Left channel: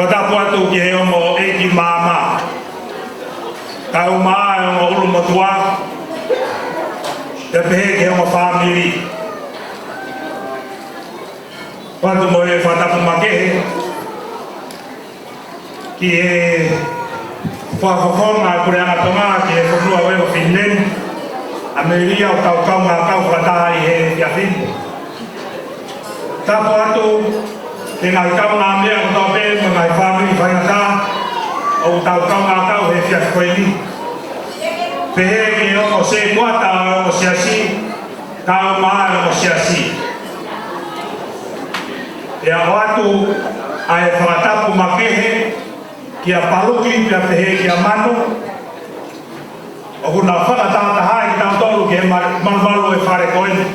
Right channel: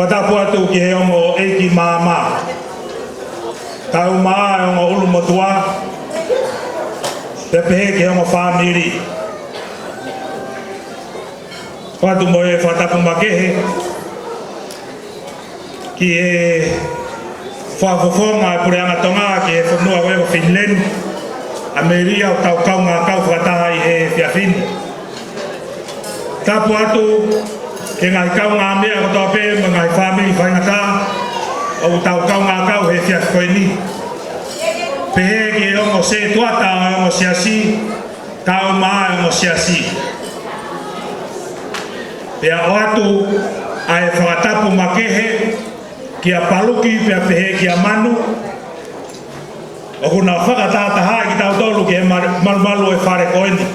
Whatapu atu ki he ongo eiki māma. Ka o maa e ongo ulu matua. Te pehe ki he ongo whamiri. Whatu mo e whatapu makehe. Ki he whawhawhonga pureanga tonga ki he whanua wewa Finland. Ameria o kau ngā kau whataha i he whiawhini. Tapu atu ke ngā kau ngā mea kato pe ma ngā whamiri whainaka o kau ngā kau he whiawhini. Pehe ke ongo se tuata o ongo siasi, kau maa o ongo siasi. Pea o atu a e whakatapu makehe ki a paluki pea pehe ki a manu. O kuna whakatataha ki tau tolu ki e malumalu e whare koeni.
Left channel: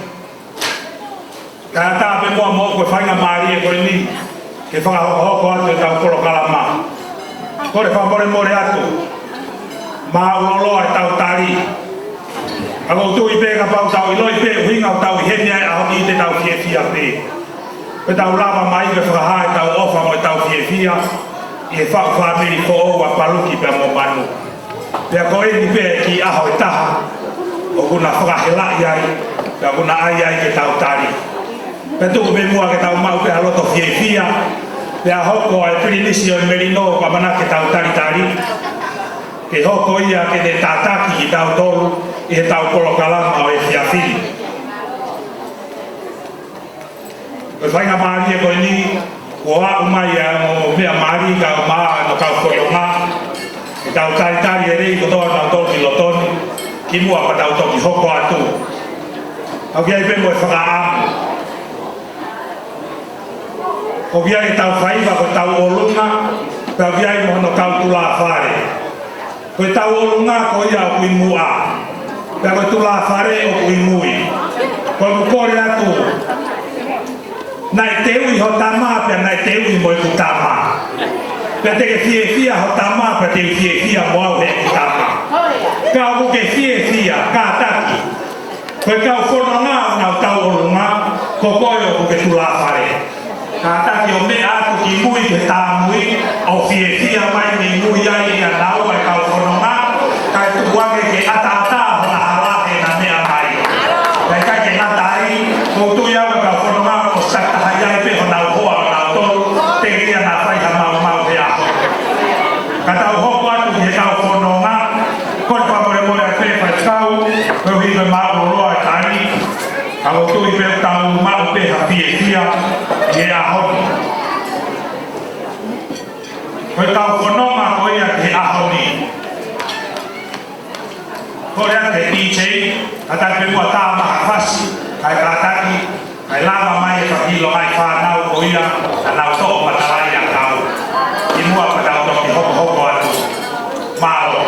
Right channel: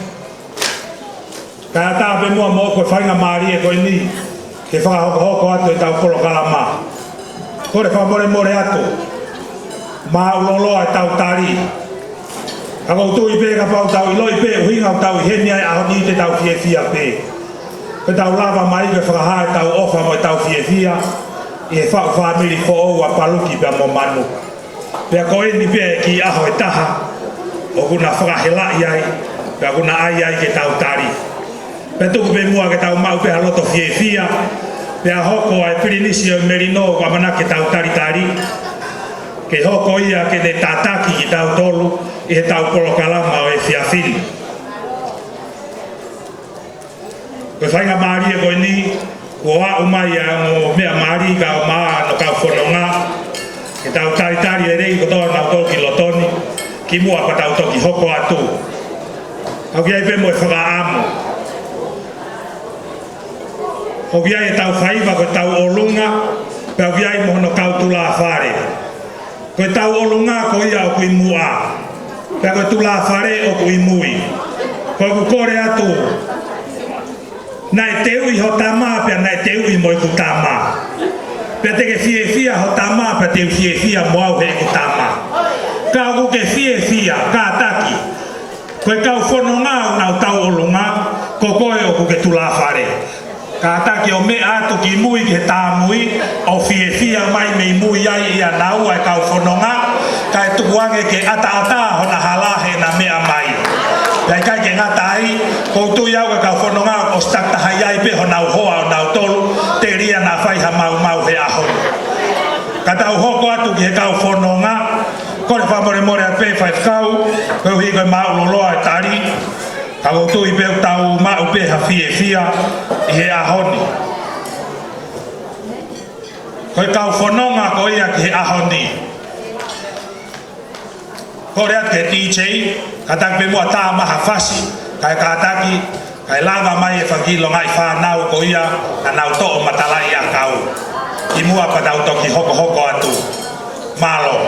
Ka tā pe mua mo koe whainga maari e koeni ke whakahoko atu e tau koro kalama. Kore whakore more atu. Mā uloloa e tau tari. Ka koutu i pe ka pau tau i loi pe uhinga o tau i heni ai ahoni i te tau fie fia pe. Ko tau lava mai ke whakaha e tau ofa mo e tau fie fia i e whau whamiri fo o a paluki pe mo manu. Pea koe ni pe ki aho e taha o kuna whakahela i ai pea kuna ai ai ke tau tari. Pea tuku me mua ke tau mau pea loto fie fia pea hoko e pirinisi o merino kwa mana ke tau tari tari. Ke hoko ia ke ne tataki ki tau tolu i he tau kolo kalama o e whiawhiri. Koe whainga maari e koe ni o a umari a mo mea maari ka o maa no kau whorionga. Ki tau tari e rei kotoa tau toki lotoni ki mua pa tau toki hoko atu. Hau kia i pe mo e whakaamu. Hau kia i tau whaiva ko tau olunga pe hau kia i mohono kau tula whare. Koe tau olunga ko ia o kui mua. Pea koe tula whare o kui mui. Koe ku kore atu. Nai te ui ho tama pea nai te ui mo i ku tama. Pea te ke fie fia ho tama pea te fie fia mo au he ku tama. Ka o ke fie fia, ka taki. Koe kau whanonga au tau olunga, ko koe o ke tula whare. Ka taki o me atu ki mui he tā mui, o fie fia mai me mui ai i a nau ai kau whanonga, ka e tukuange ke ata hona halahe na mea mai. Kai kai ke ata ai, ko tui au e kau whanonga o stata hai ai pe hona hoa o nau tolu, te ria na whaiha mau he aho. Ka tau hoko atu ki he kau whanonga, kore whamore more a pe whai kau, koe hui koe mau loa e tari, ka o tui pe o tau mau pe ha fie fia, i he ahoni. Koe kau whanonga ko ia ki he ahoni. Kore a te DJ, ka tak pe mua tā maha whasi, kai ka taki, kai lava mai e whakilo ngai whanau ko ia, ka nau to'o matalai a tau. I mua ka tau toki hoko hoko atu. Malo.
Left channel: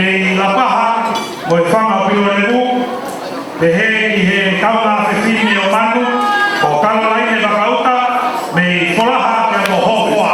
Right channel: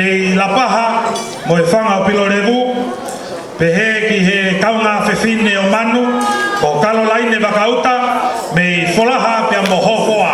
me la paha, mo e whanga o pio revu, pe he ki he kaula whewhine o manu, o kala laine kakauta, me wholaha pe mo hohoa.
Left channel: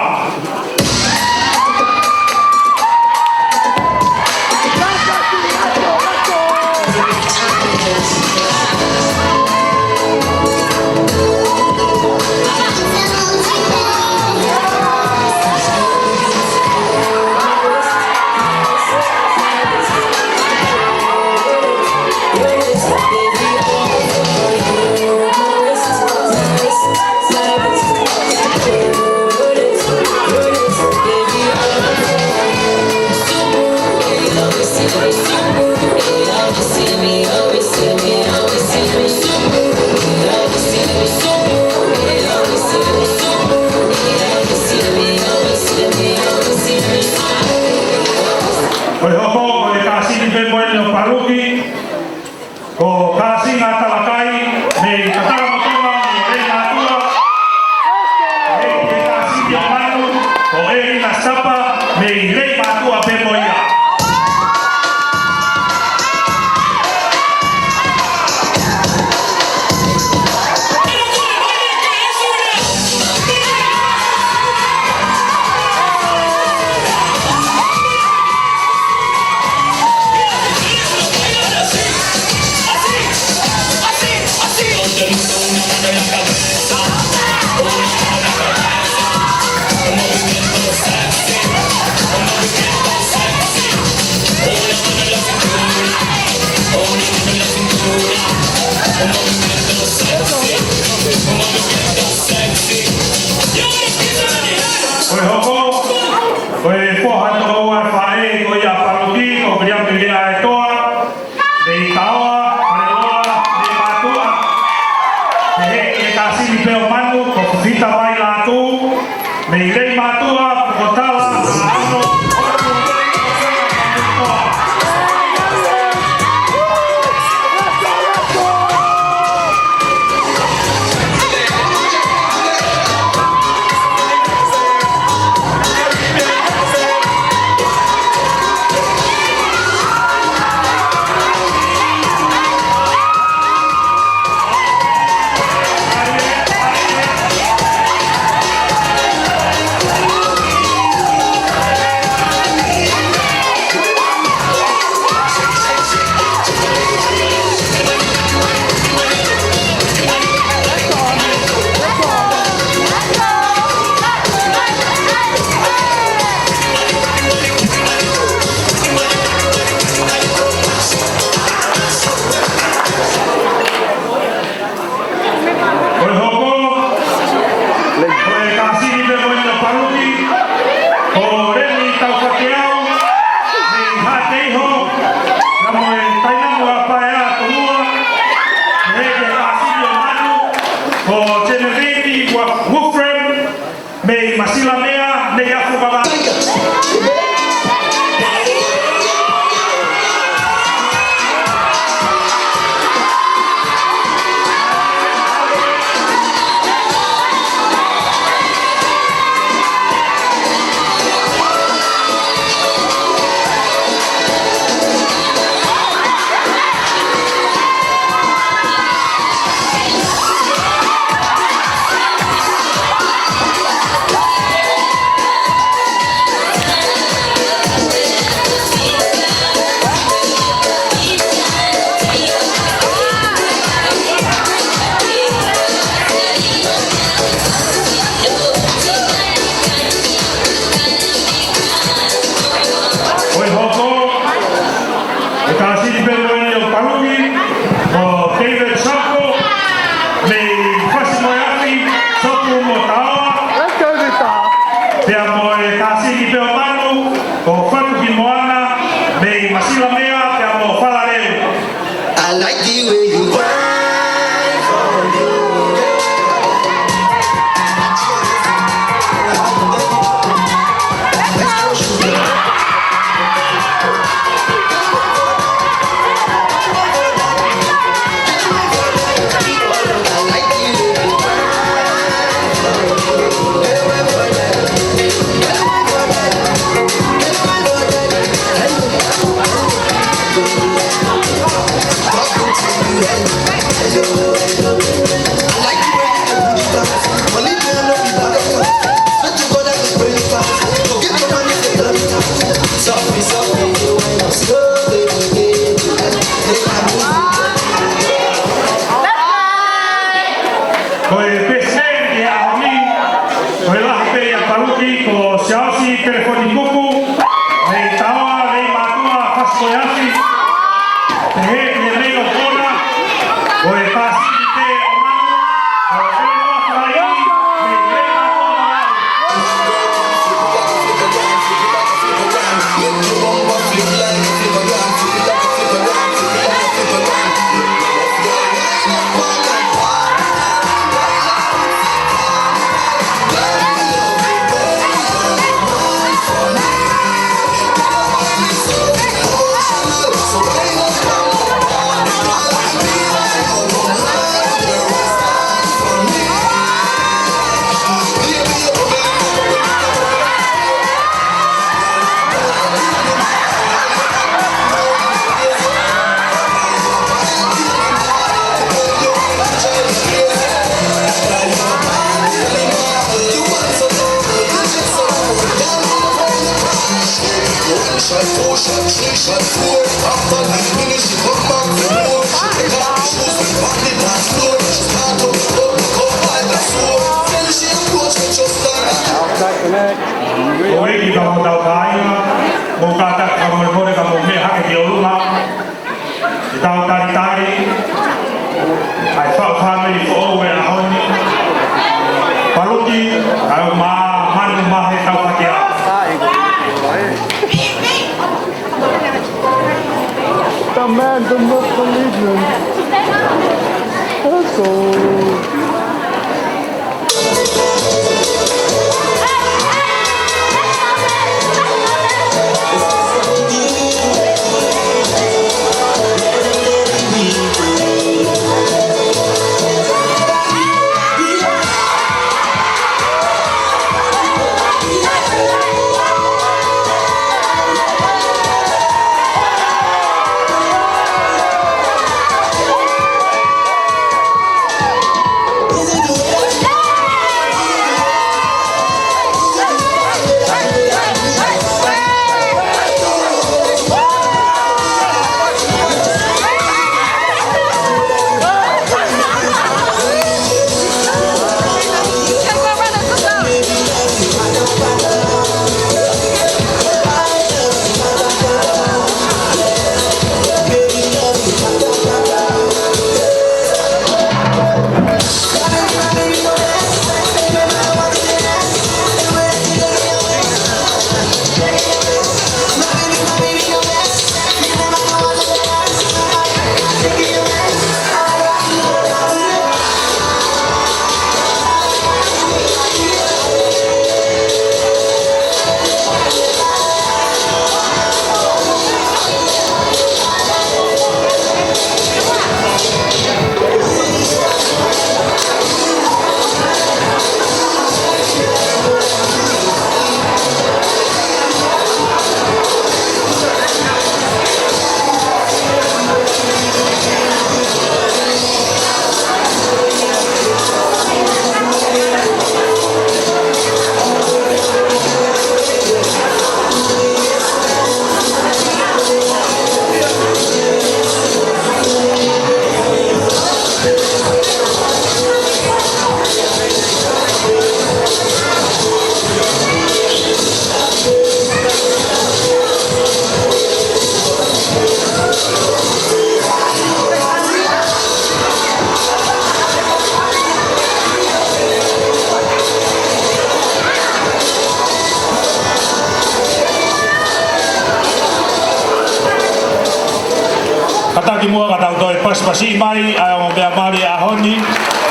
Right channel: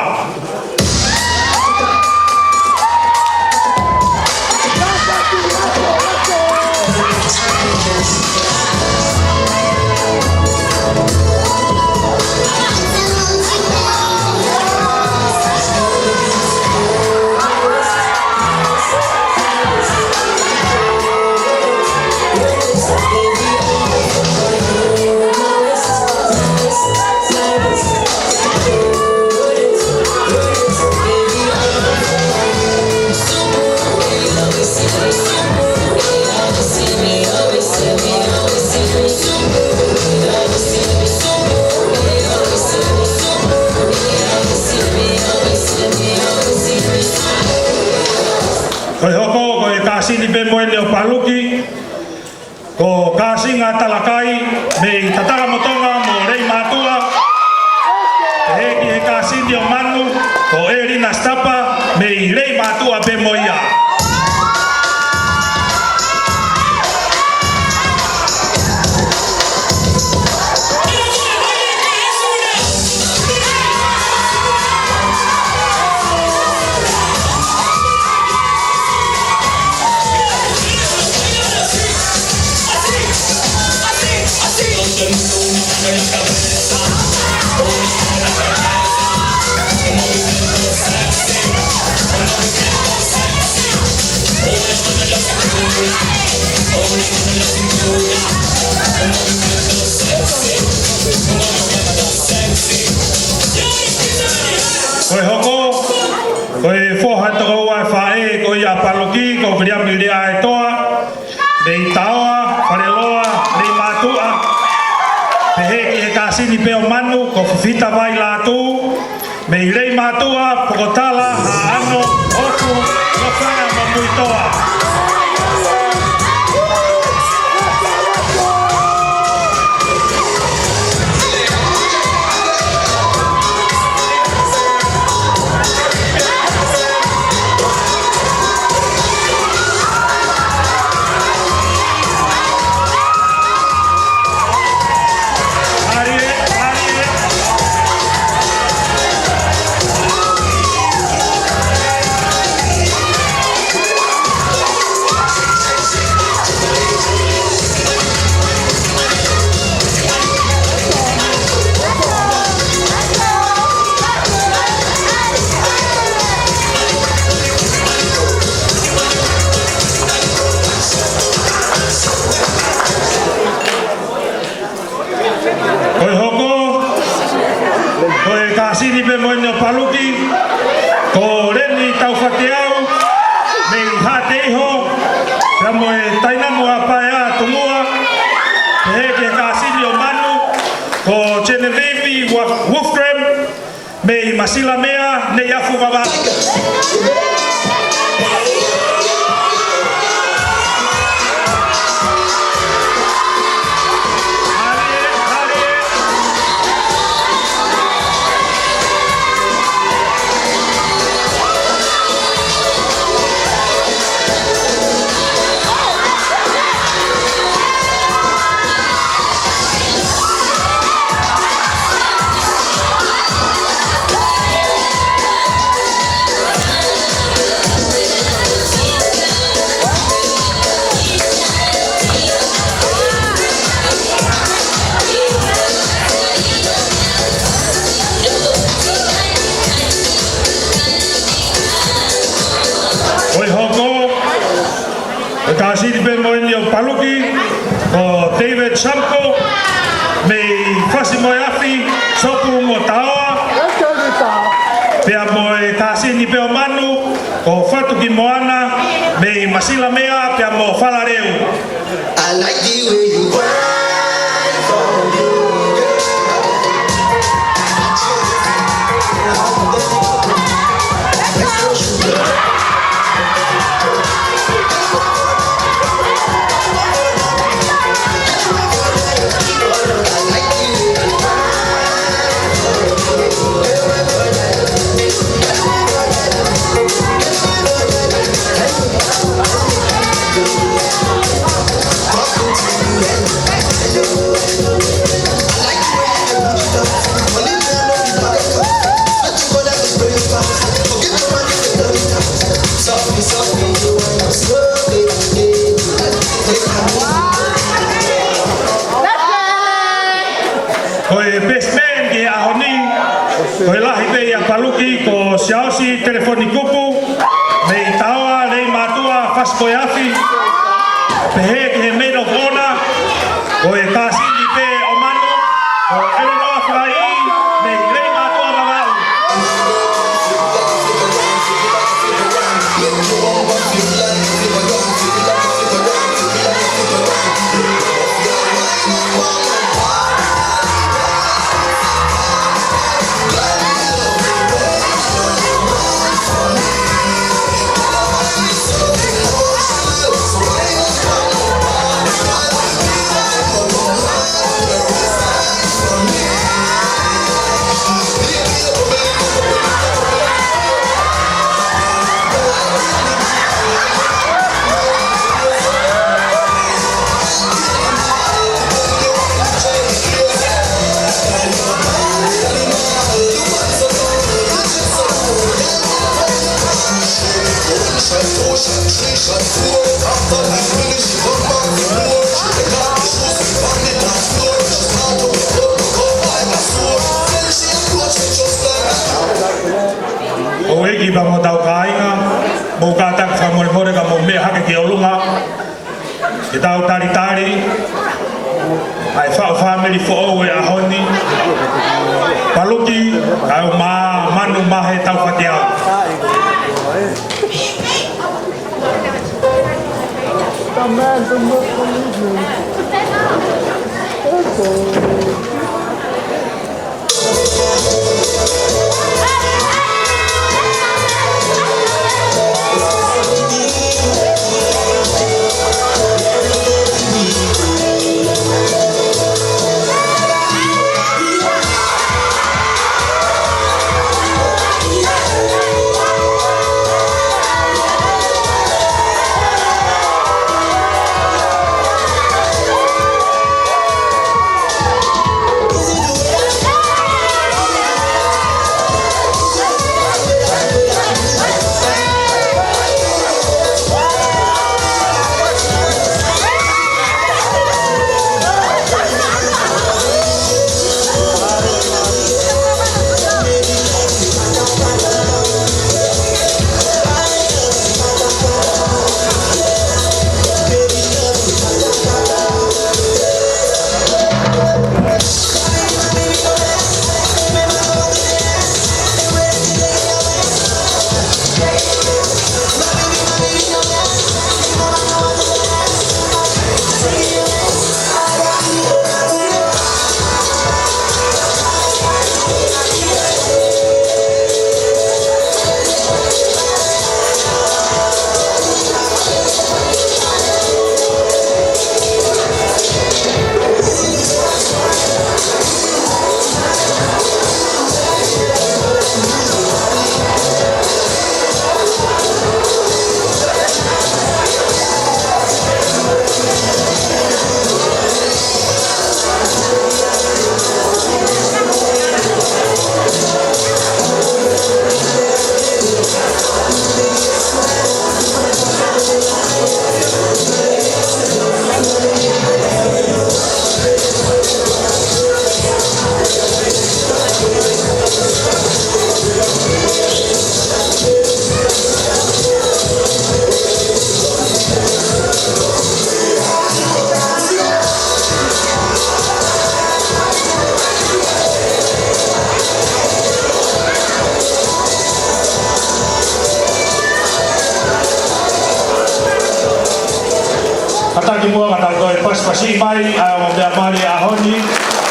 Kataki mua ngata toi pasipasi mai ai o mea mari a honi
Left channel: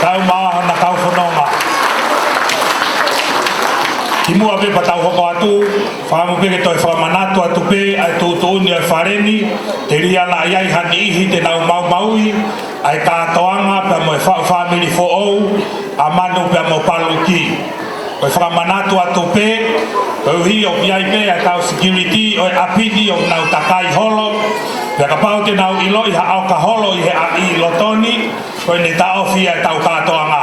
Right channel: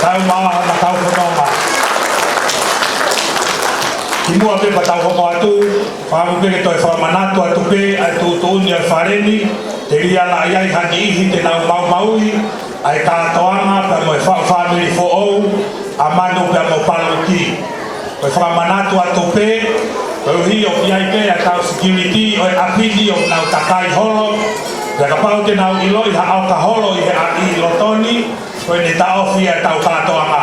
tau maa na tau whanonga. Ki mua pe patau hoko atu, whamu peke toi whamanatu atu pe ai tū tūni ai whareni, te ria la iai hani ihi te nau mau maui, ai tātoanga pe mo e whamiri fo ou, a manu pe mo paluki. Oi whamanatu atu pe, oi hi o piai pe a tau security, oi apini o nau takai holo, pia ka pau te nau ilo i ha au ka holo i he a i lotoni, koe ne tau fia tau kātoanga.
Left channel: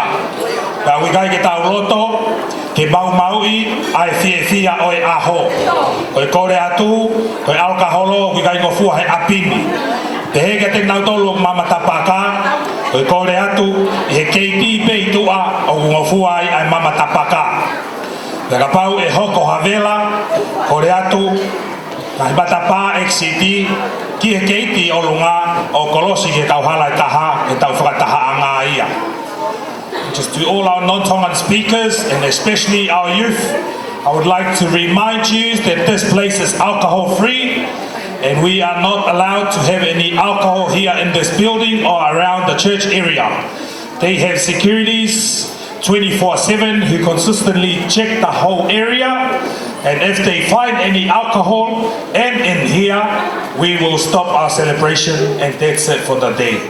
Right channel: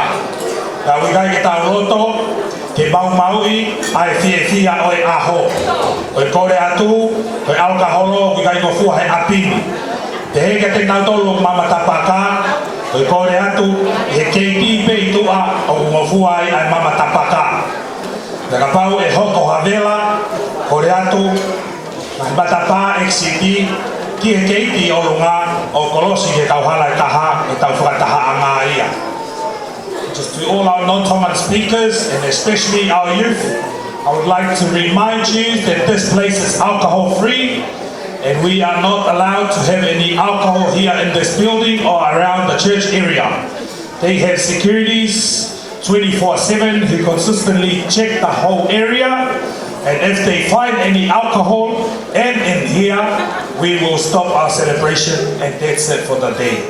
Pia wikai ke tau loto, ke mau maui, ai fia oi aho. Koe kore atu, koe au ka holo, wikai ko fua he apini. Te heke te nau tolu mama tapaka, koe kore atu, i he keiti pe i tua, o ngofua ai mama tapaka. Pia ka pau e hoko havela, kore atu, ai matapa XCD, ki he keiti o lunga o kolosi ke tau hala i taha, e tau whakataha anga ia. Just to all our non-Tongan speakers and especially our youth, I would like to remind you that this place is alcohol free and we are not allowed to have any alcohol here in this building or around the church area. They have securities 24/7 who consistently check the whole area, and if they find any alcohol and in here, we will stop our celebration and that's it for the day.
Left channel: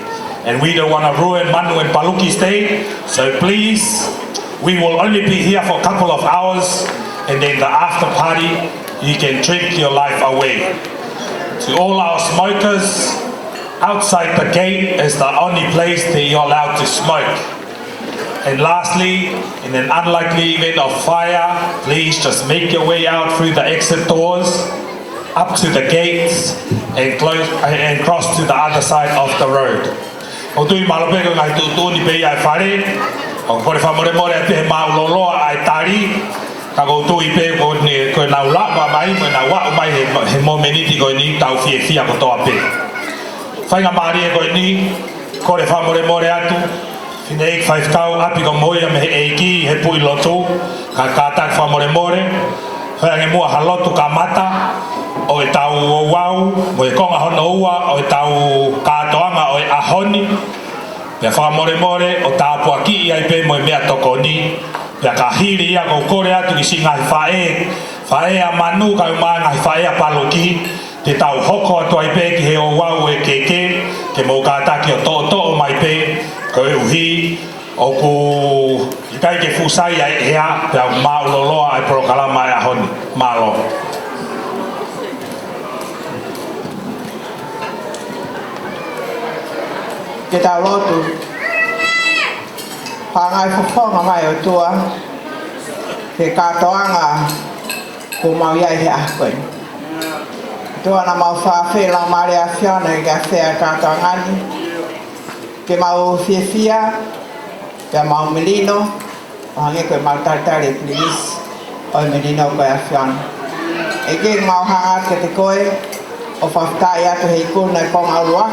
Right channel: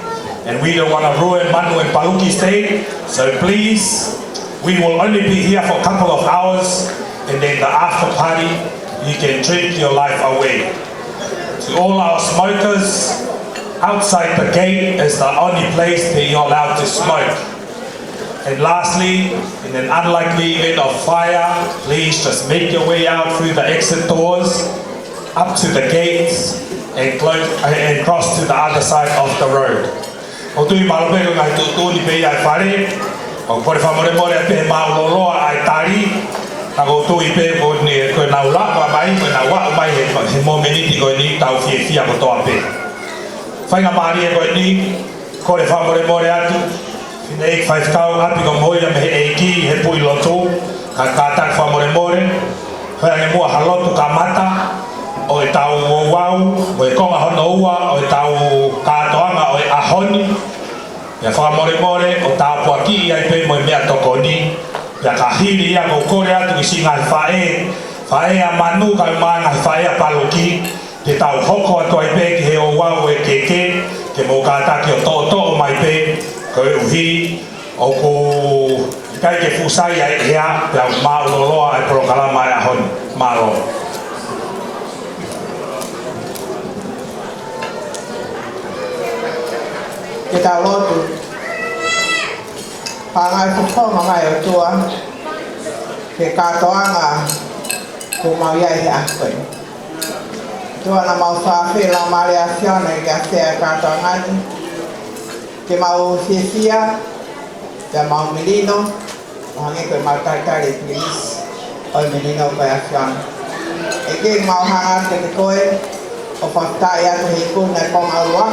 And we don't want to ruin Manu and Paluki's day, so please, we will only be here for a couple of hours and then the after party, you can drink your life away. To all our smokers, outside the gate is the only place that you're allowed to smoke. And lastly, in an unlikely event of fire, please just make your way out through the exit doors, up to the gates, and cross to the other side of the road. O tui malopeko ngai tūtūni pei ai whare, o kore whamoremore te mauloloa ai tari, ka koutou i pe koe nau lawa mai, koe nau wau mai he momeniti koe ni tau fia ko toa pe. Whainga maari e koe ni, kore whamoremore atu, whine ik whaifkau api ko moia me he eiki, he pui lotu, ka kātak whamoremore, whainga mua halotu ka mata, o e tau wau, mo e konga hono ua, o e tau kātoanga o e ahoni, pia whamoremore, o tau puaki i ai pe mo e mea toko ni, pia ka hiri ia kou kore atu ki si ngai whae a manu kai mai ngai whae a Paluki, te tau hoko atu ai pe ki he o wau e keke, ke mou kātaki o tō o mai pe, ko e uhi, o ku i kai ke fusai ai hea, pia mauloloa ai prokalama ai ahoni, malo. Ke tau lotu, whangai whakonga mai o tua, ke katoanga ku mau iai he ahkoin. Tua na mau whawhi lau maari a whiona i ka whea katoangani, ke mau whiawhia, ke mau melino, o hangi koe mau taitari please, oi melino koe a whiona. E ke mau hangat ke te koe, o whaftai atu hei kuna e konga urua,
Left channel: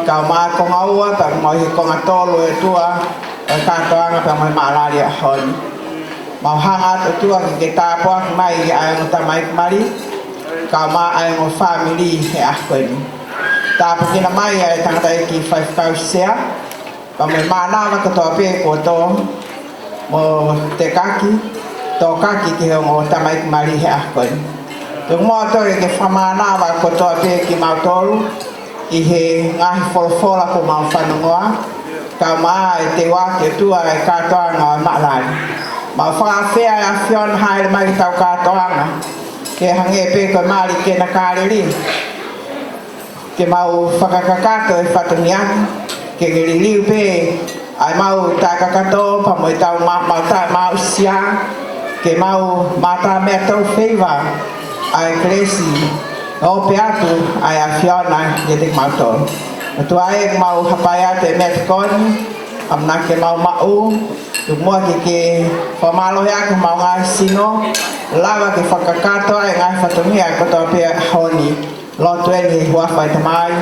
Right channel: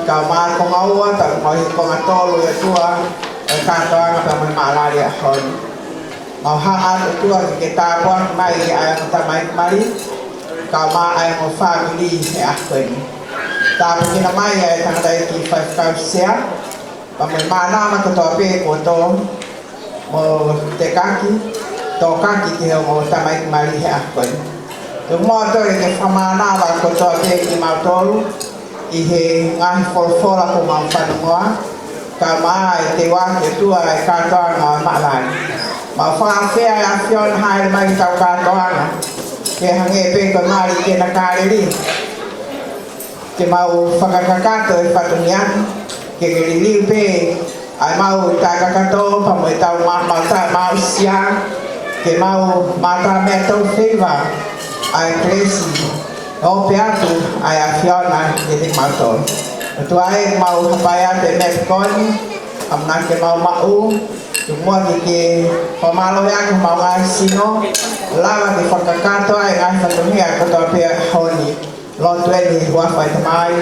kau maa konga ua, pa mau hi konga tolu e tua, o katoanga pa mai maalari a honi. Mau hangat o tua ki ke tāpua ki mai i ai mo tamai kumari, kau maa ai mo family he ahkoini. Tāpu kina mai ai tangata i ki whaifkau sea, pa mai maanama katoa pe ko tō, mo te kaki, tō kaki ki heo mo tamai kumari he ahkoini. Tung mō toi ke whamanawa katoa pe ki mau tolu, i he ngahi wholofola ko mau whanongoa, ka maa e te waki o tua e katoanga o maalari. Mau whakawhea e a whion haere mai tau katoanga, ke hange pe ko maari ke na kāreri. Ke mau whakakakato e whatuniani, ke riliu pe ai mau tākakato pa mo i tau mau sia, ke mau mata mea tau wheiva ai kresi. O pe atu ai a whiona i te mautoro. Tu ai mau hapai atu e mea tukoni, amna ke mau mau, tu mua ke whamalo hea ke mau ngai sino, lawa ke whakakato ai ngai whatungia katoa pe honi, lotu e ni huawhai tamai,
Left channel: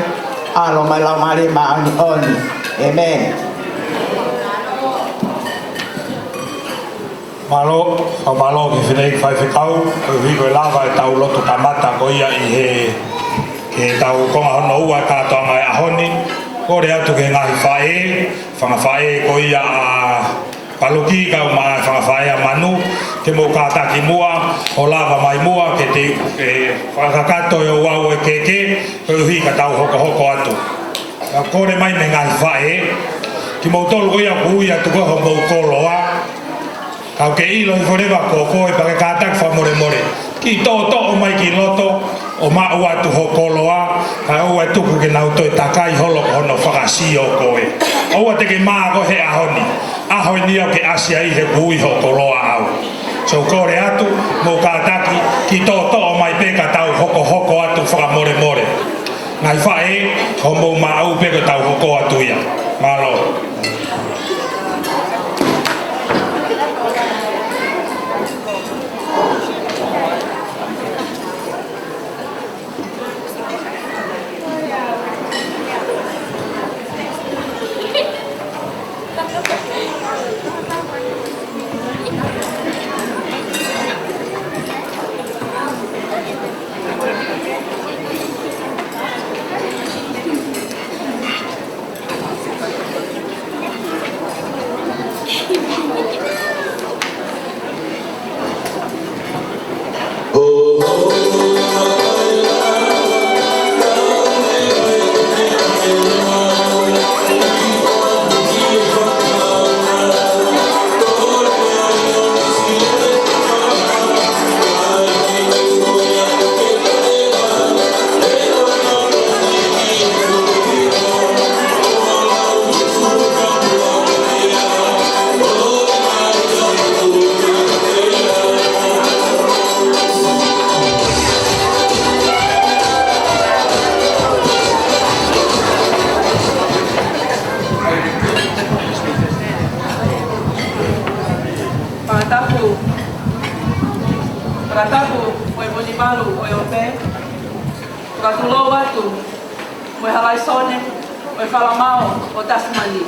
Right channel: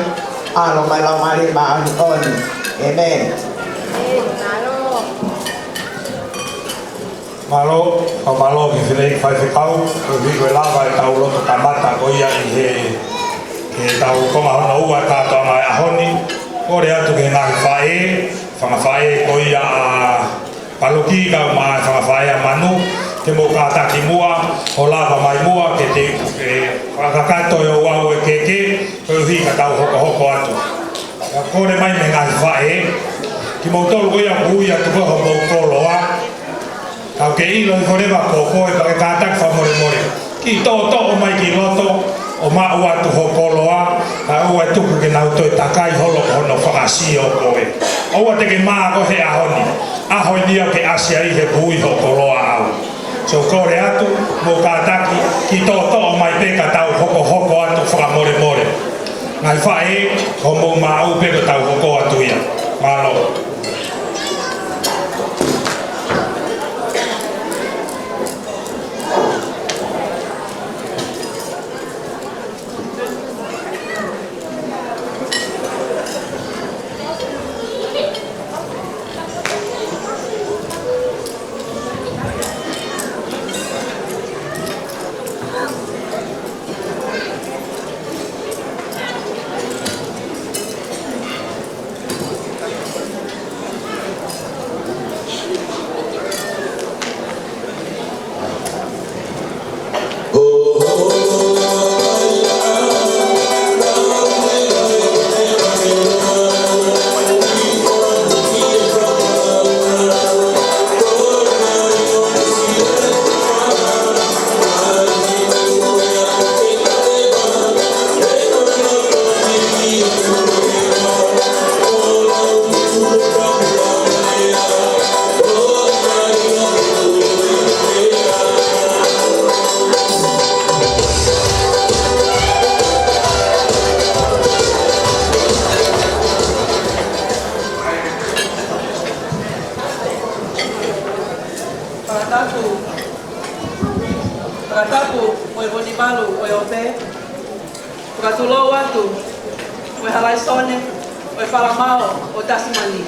alo mai lau mari ma oni oni. Amen. Malo, whamalo ki whinei whaifekau, hiko e lawa e tau lotu ka mata ko ia i he tau konga hono ua kātoa mai ahoni, kore atu ke ngahi whae, whangawhae ko ia a Paluki kau mai whangawhae a manu, ke mo kātaki mua, o lawa mai mua, ke te whakakato e o wau e keke, ko ihi ka tau hoko atu. Kore mai me ngahi whae, ki mo tolu ko ia kuia tuka ho mou koloa, kau ke ilo i wharewa koko e pake kātak whamoremore. Ki tō o mai ki loto, o mau atu ho koloa, ka ua e tuku ke nau toi takai holo hono whakasi o koe. Oua te ke maa ko he ahoni. Ahoni au ke asia i he bui ho koloa au. So kore atu, mo kātaki, ki tō o mai peka tau hoko atu whakamoremore. Ngai whae, ko mou mau peka tau hoko atu ia. Malo. ulo atu, mo halai sone, mo whalamao o Tasmani.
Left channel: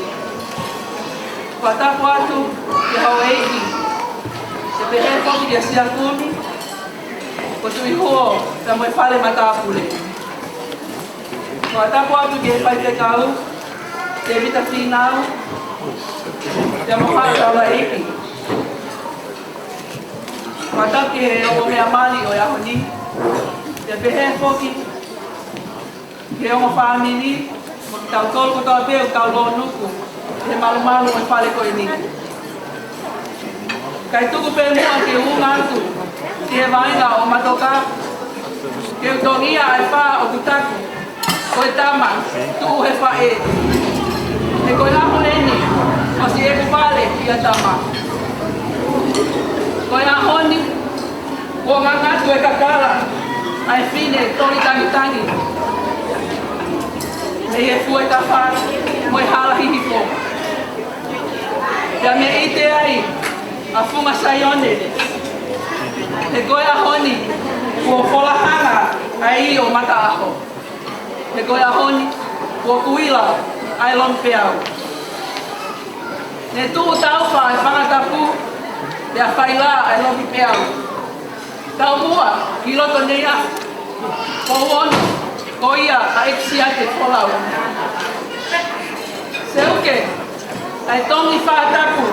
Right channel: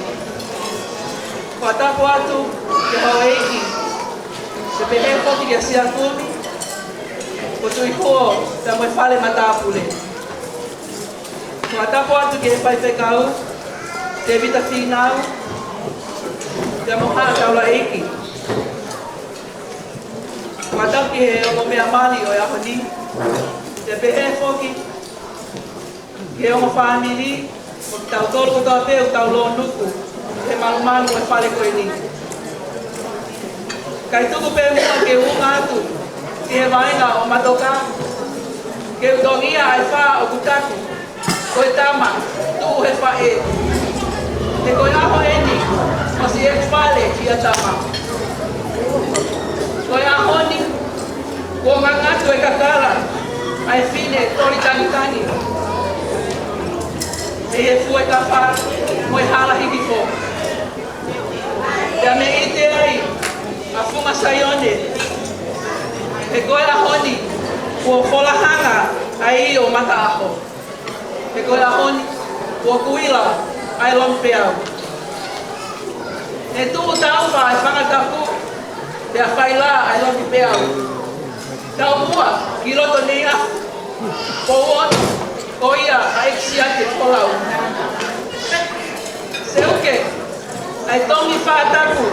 Kua tapu atu, ke Hawaii, te pehe koki ke Siakumi, ko tui huo, ka mo whale matapule. Kua tapu atu ke he pai pekau, te vita whinau, te mo haa taura eiki. Kua tapu ke he o mea mali o Iahoni, te pehe koki, ke o whamiri, tau tolu ko tau teu, tau lo nuku, he malu malu e whare koe ni. Kai tuku pe mua ke unga atu, ki he vainga o matoka, ke utongia ai wha o tutaku, koe tama, tuku he wha e. Te koe ahu eni, o si e kupale i a tama. Koe ahoni, kua ngangatu e kakala, ai whine tori tangi. Me he fue tapa, moi hala hihi fo. Ia me ite ai, a funga saione. He koe ahoni, kua wholahanga ai o mata aho. He koe ahoni, kua kuila ai lompeau. Ne tuhu taupa ai whangataku, ia whaila ai lomi peau. Tau mua, ki roto nei afu, ko ono, ko ia a eksiate kolau. Seuke, ai tongi whaatapu,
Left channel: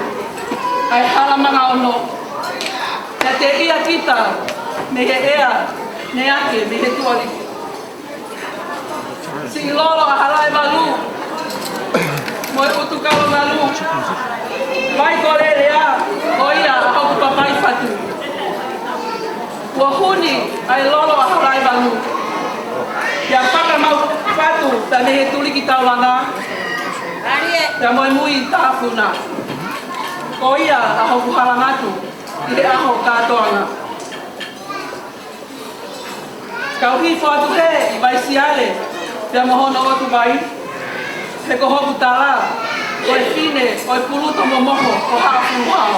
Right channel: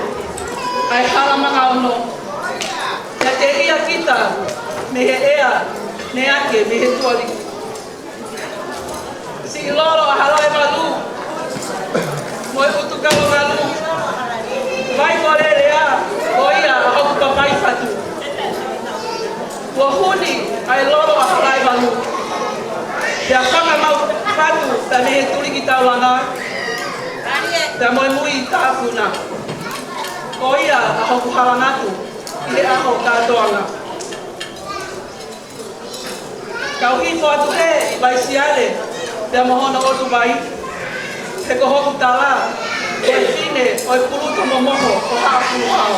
ai halamanga ono. Ia te ia kita, me he ea, me ake, me he tuari. Si ilolo a halai malu, moe utu kalo galu. Vai korere a, ko ia a hoku papai fatu. Ua huni, ai lolo a halai malu. Ia whaka mau fatu, ta me he tuli ki taulanga. Ia moe mui tāpuna. Ko ia a hoku halangatu, i he aho kātoanga. Kau hifo atu he, i vai siale, ia mohona otu vai. He ko hoku tala, oi whine, oi puluto momoho, ko haa puluhao.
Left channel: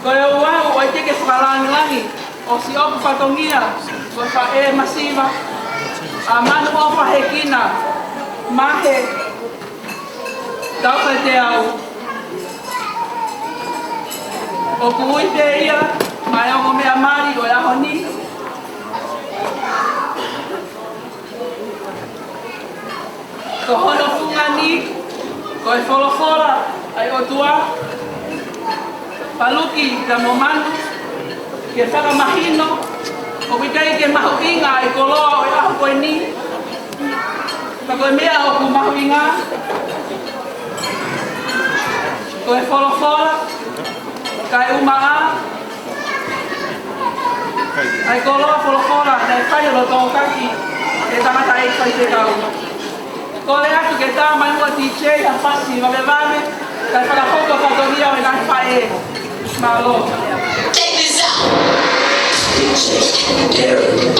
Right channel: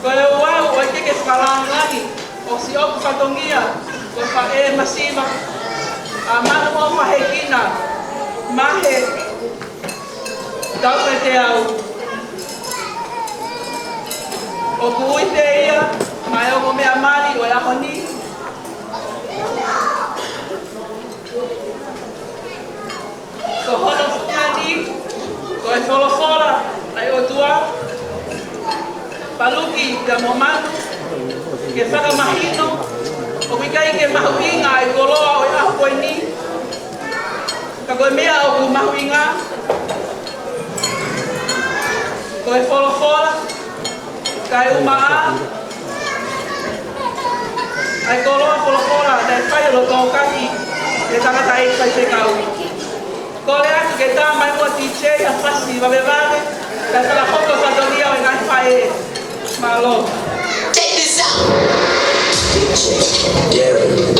Ko e uau, oi teke whakalangi, o si opu whatongia, ko wha e masiva, a manu o whahekina, mahe, tauwhai te au. O kui te ia, mai o mea mari o Iahoni. Ko hono funga ni, ko e wholowhola, ai o tua. Paluki ka momanu, ke whakamahino, o wikai ke mahuinga ai koloa o e aho koe ni. Ka koe mea o ku mahuinga. Ko e wholowhola, ka e umaa. Ai koloa wholowhola, dai whai o lo tōkaki, e tangata e kai te kau. Ko le atu ke tā mai mua tichei a whasi wawewame, ka whakahoka whatongia o e nai whae e. Malo. Check this out. DJ Derek.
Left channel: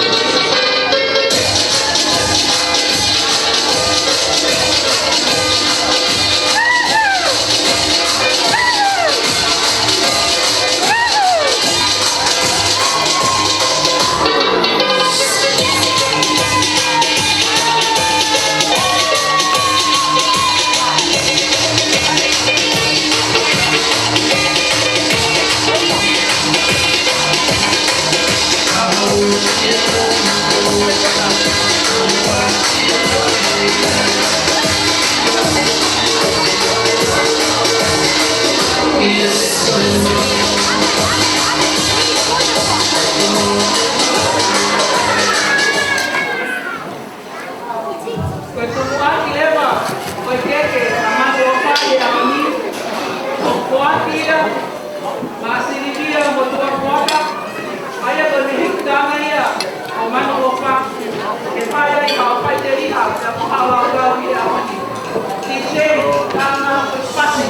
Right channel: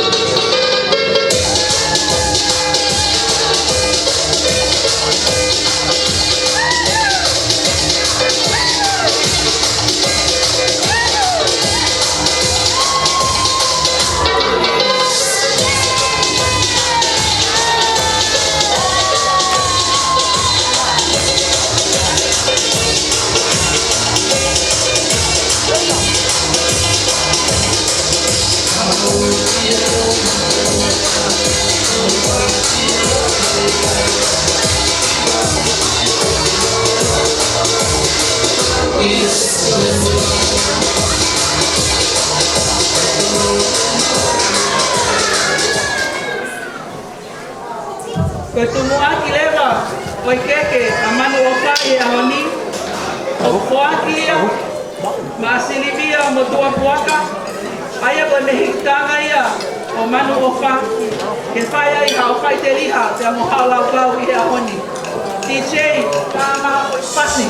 Koe tumuaki lewa, koe keke, a manu o whai a mani, o whuaki ia, ma silivia mo tua puaka, aia koe me hikitanga ia, o manu o whaki, ke whai ai ka o whai te riha, te amo hau lau lau i a honi. DJ, ka maha koe pasi.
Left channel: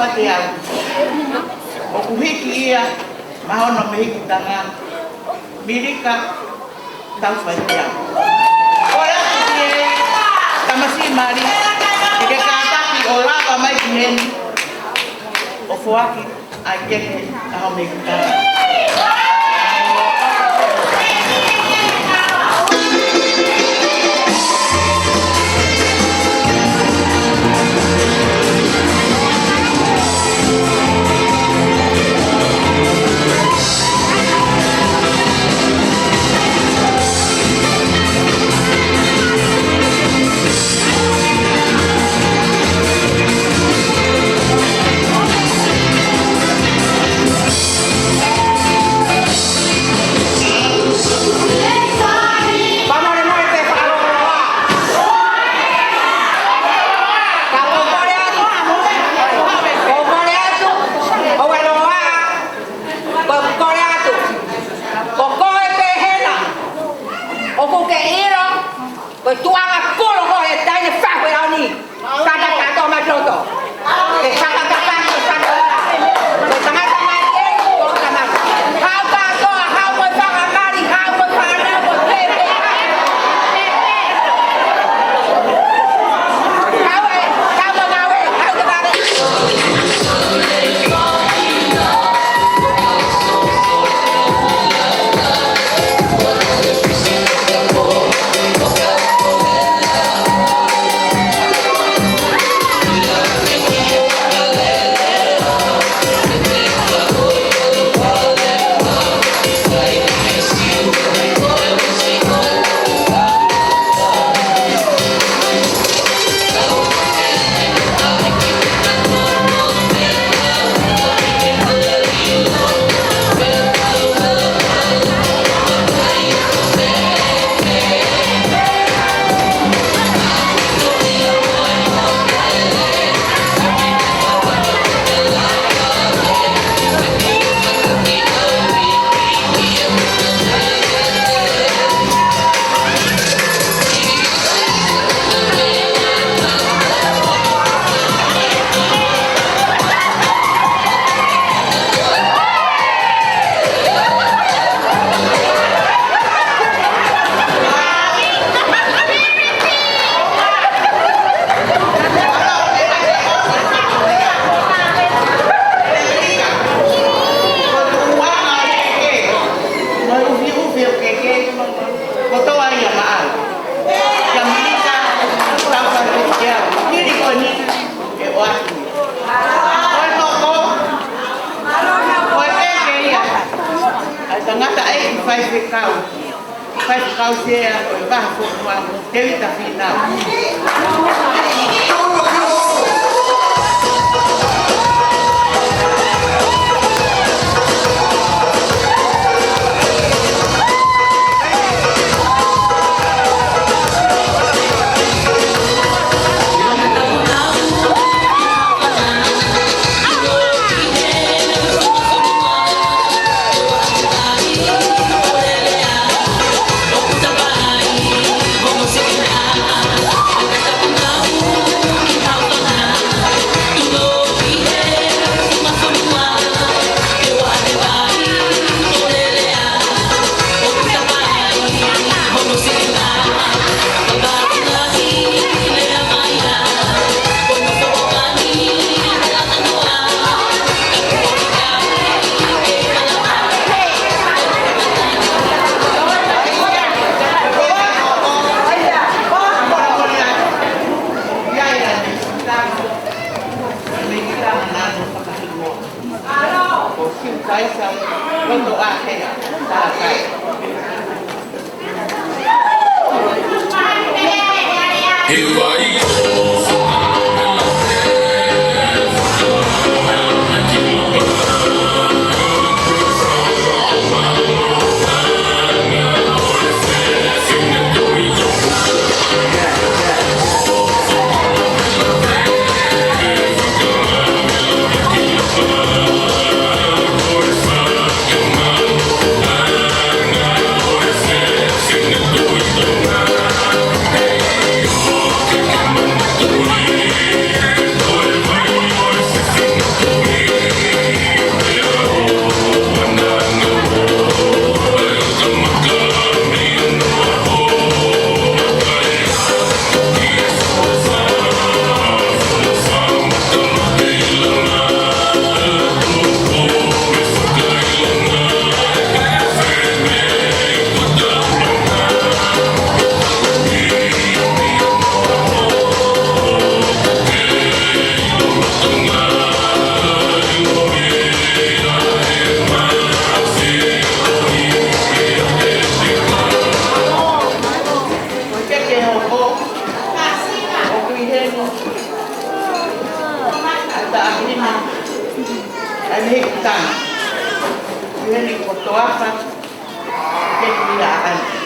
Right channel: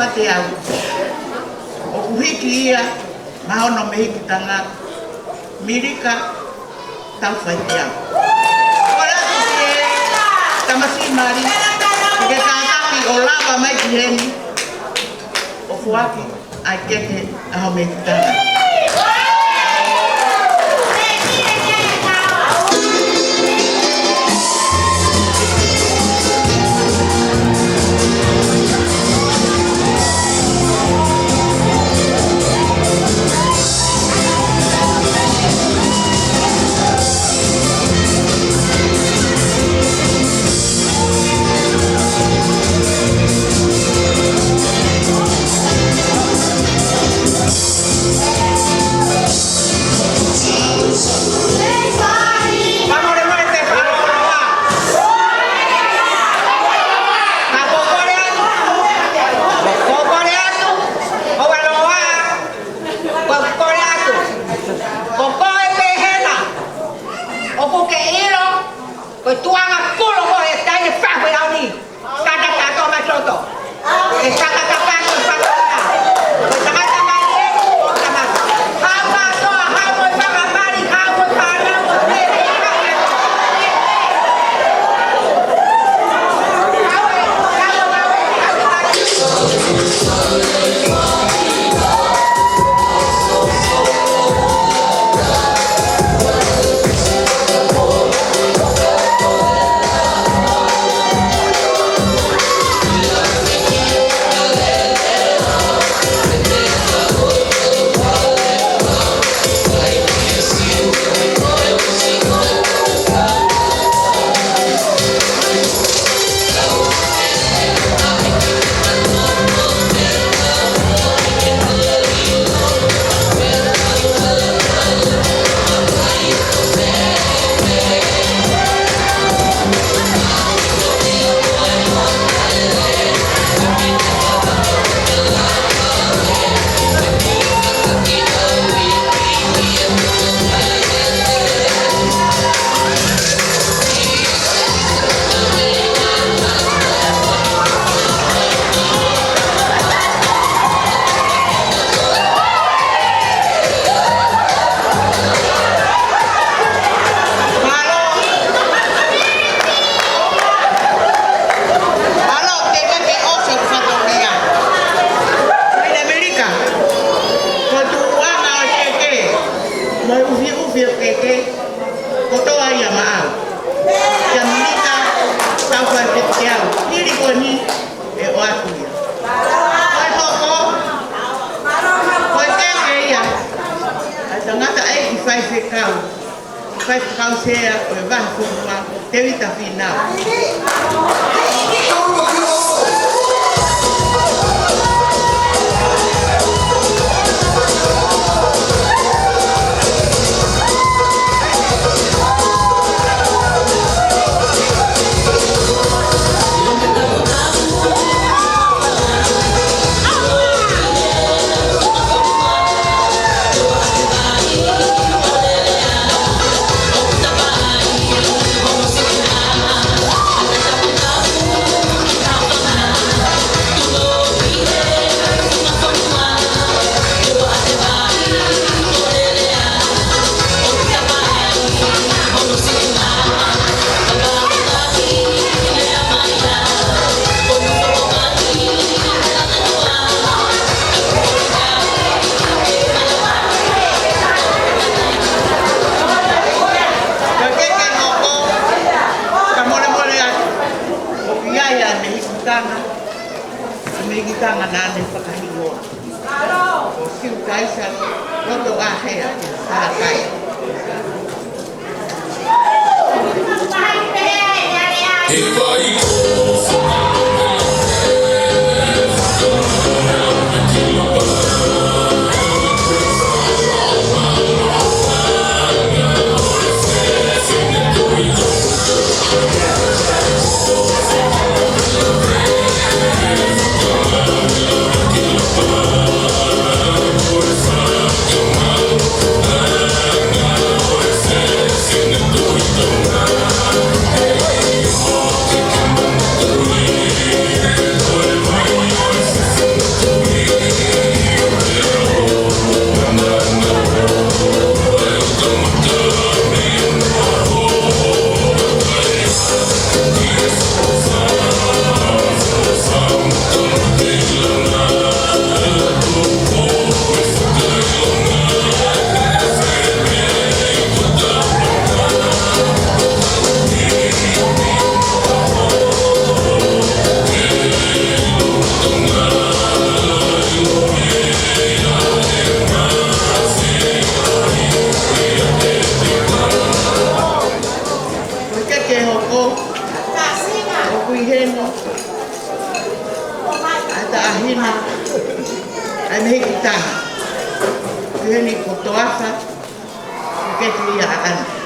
whate au. O kuhiki ia, mahono me hiki tanga, mirika, tau whate au. Ora ki e, tamasi mari, ke kātaki o lava mai ki heni, o fuaki, ai keke, aho me hiki tanga. ko. O kui henu. Ata ahina. Ai mehi kutanga. Kui heni kotoasa. Keki ia akan.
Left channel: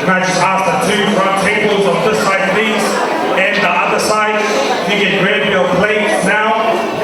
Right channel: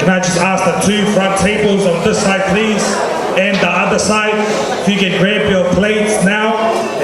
Can I just ask the two front tables on this side, please, and the other side, if you can grab your plates